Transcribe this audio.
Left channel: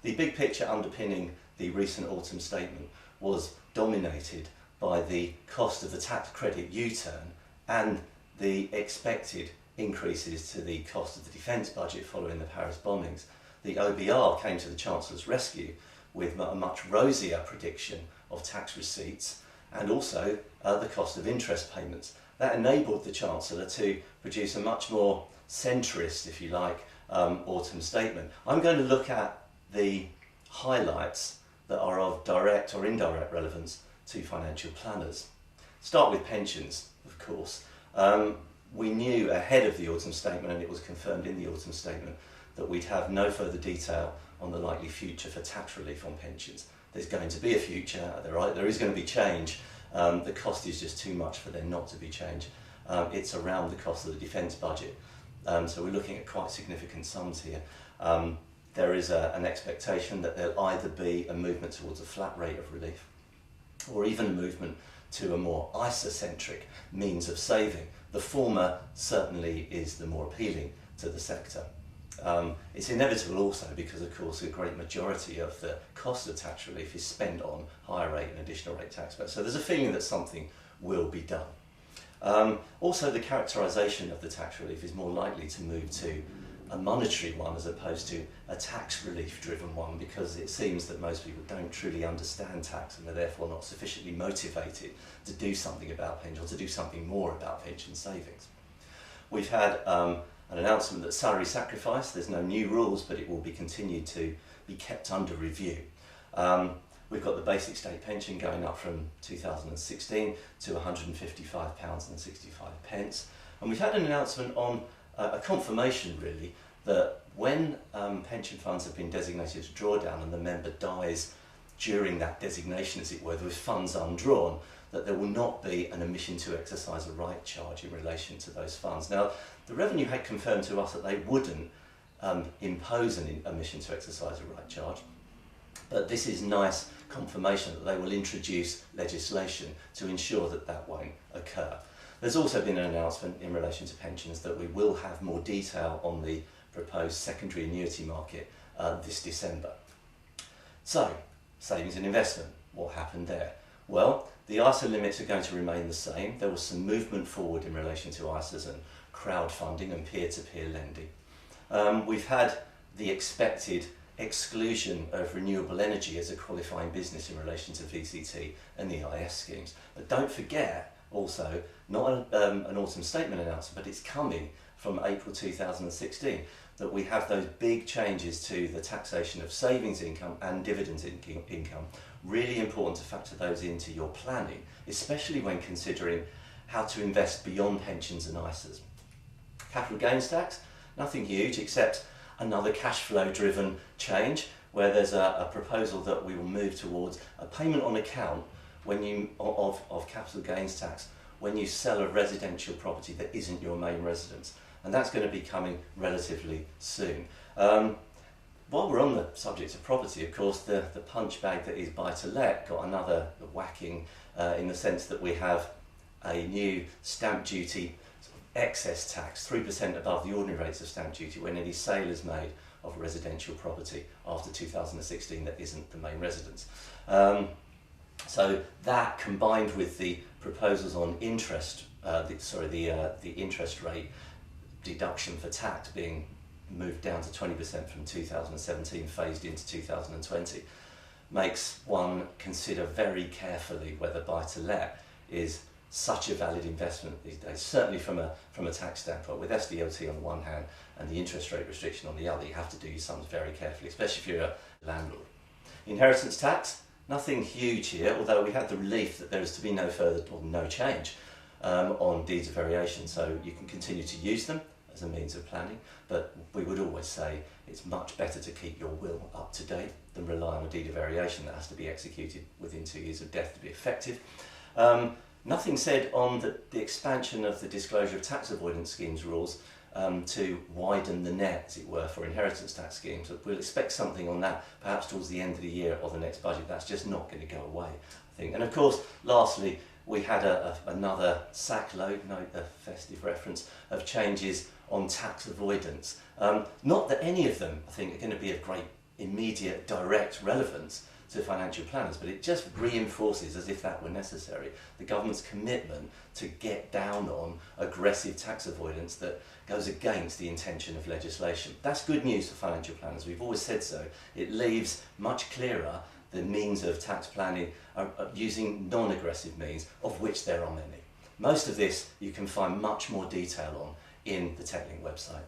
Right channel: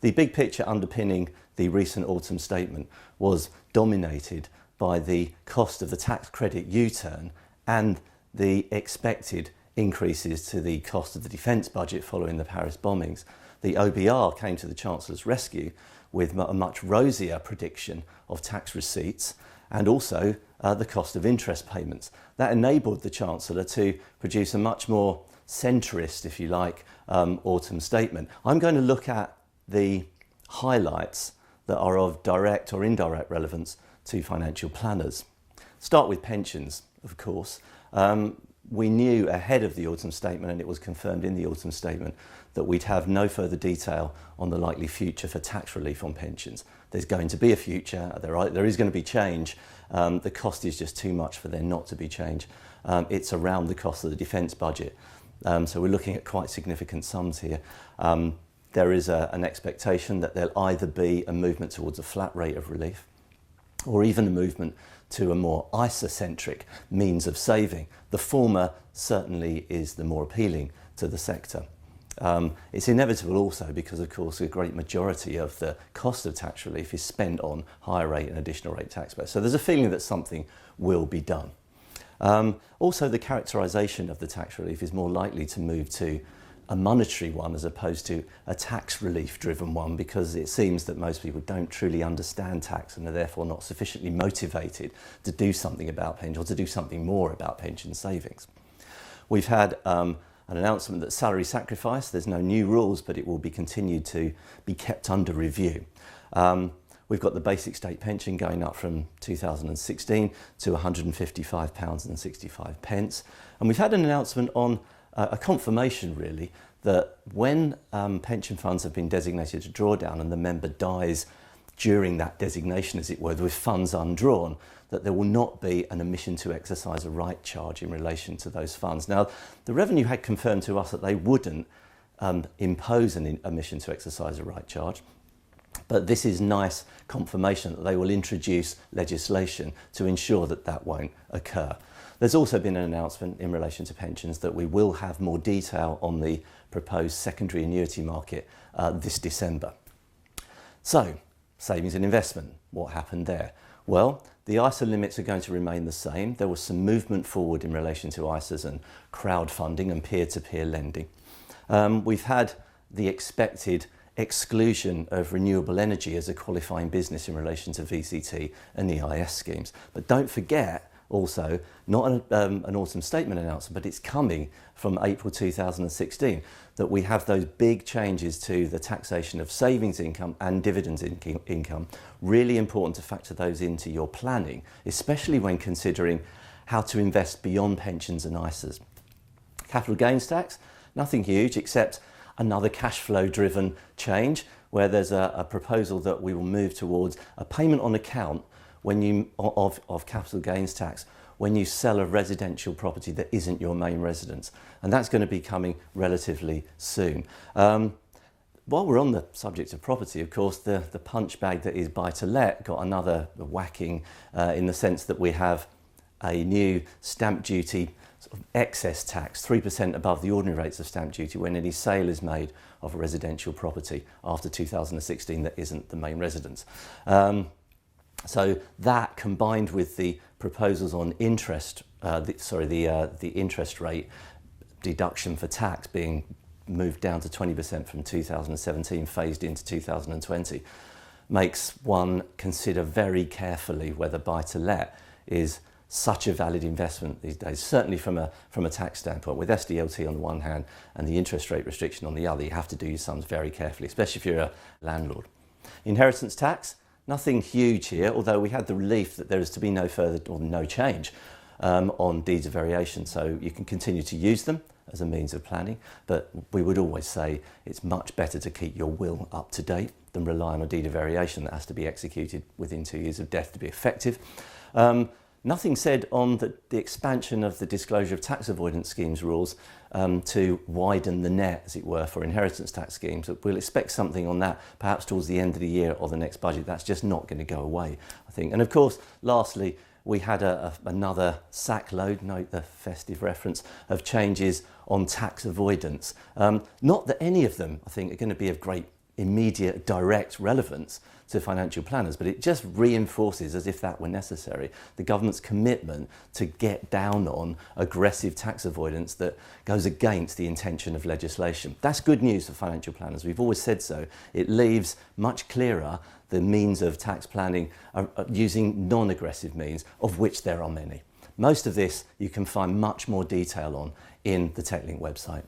The big picture underpinning the recent autumn statement was dominated by the cost of the tax credit U-turn and the expected increases to the cost of the defence budget following the Paris bombings. The OBR came to the Chancellor's rescue with a much rosier prediction of tax receipts and also the cost of interest payments. That enabled the Chancellor to produce a much more centrist, if you like, autumn statement. I'm going to look at the highlights that are of direct or indirect relevance to financial planners. Start with pensions, of course. We knew ahead of the autumn statement, and it was confirmed in the autumn statement, that we'd have no further detail on the likely future for tax relief on pensions. There's going to be a future, there is going to be change. The cost is just too much for there not to be change. It's around the cost of the defence budget. So we're looking at quite significant sums here. There is an expectation that there'll either be a movement towards a flat rate of relief or even a movement to a more ISA-centric means of saving. The former certainly is the more appealing to the sector. It's inevitable also because, of course, a great majority of the cost of tax relief is spent on higher rate and additional rate taxpayers. So there's a feeling that something will be done. Also, the characterisation of the tax relief is more likely to move to a monetary one as opposed to a tax relief driven one, because it seems that most people don't truly understand tax and are therefore not sufficiently motivated to do something about pensions or to do something more about pension savings. We've had an announcement that salary sacrifice, there's no new rules, but it will be continued to be kept under review. We've got the basic state pension going up from 2016 to £155.65. And we've had an announcement on a confirmation, really, that when pension funds have been designated to drawdown and the member dies during that designation, as it were, with funds undrawn, that there will not be an omission to exercise a right charge in relation to those funds. Now, the Revenue had confirmed to us that they wouldn't impose an omission to exercise a right charge, but this is nice confirmation that they will introduce legislation to ensure that that won't occur. There's also been an announcement in relation to pensions that we will have more detail on the proposed secondary annuity market this December. So, savings and investment, what happened there? Well, the ISA limits are going to remain the same. There was some movement forward in relation to ISAs and crowdfunding and peer-to-peer lending. We've had the expected exclusion of renewable energy as a qualifying business in relation to VCT and EIS schemes. But don't forget, also, not an autumn statement announcement, but it's coming from April 2016, that we have those big changes to the taxation of savings income and dividends income. Really important to factor those into your planning, especially when considering how to invest beyond pensions and ISAs. Capital gains tax, nothing huge except another cash flow driven change, where there's a proposal that we will move towards a payment on account when you of capital gains tax when you sell a residential property that isn't your main residence, and that's going to be coming relatively soon. While we're on the subject of property, of course, the punch bag that is buy-to-let got another whacking in the sense that we have a new stamp duty sort of excess tax, 3% above the ordinary rates of stamp duty when any sale is made of a residential property after 2016 that isn't the main residence. So that, combined with the proposals on interest, the interest rate deduction for tax being moved down to 20% from 2017, phased into 2020, makes one consider very carefully whether buy-to-let is such a valid investment these days. Certainly from a tax standpoint, with SDLT on the one hand and the interest rate restriction on the other, you have to do your sums very carefully, especially if you're a landlord. Inheritance tax, nothing huge here, although we had the relief that there is to be no further or no change on deeds of variation, so you can continue to use them as a means of planning, but we would always say it's much better to keep your will up to date than rely on a deed of variation that has to be executed within 2 years of death to be effective. Nothing said on the expansion of the disclosure of tax avoidance schemes rules to widen the net, as it were, for inheritance tax schemes. We'll expect something on that perhaps towards the end of the year or the next budget. That's just not going to go away, I think. And of course, lastly, we had another sack load, note the festive reference, of changes on tax avoidance. Not that any of them, I think, are going to be of great immediate direct relevance to financial planners, but it just reinforces, as if that were necessary, the government's commitment to get down on aggressive tax avoidance that goes against the intention of legislation. That's good news for financial planners. We've always said so. It leaves much clearer the means of tax planning using non-aggressive means, of which there are many. Most of this you can find much more detail on in the Techlink website.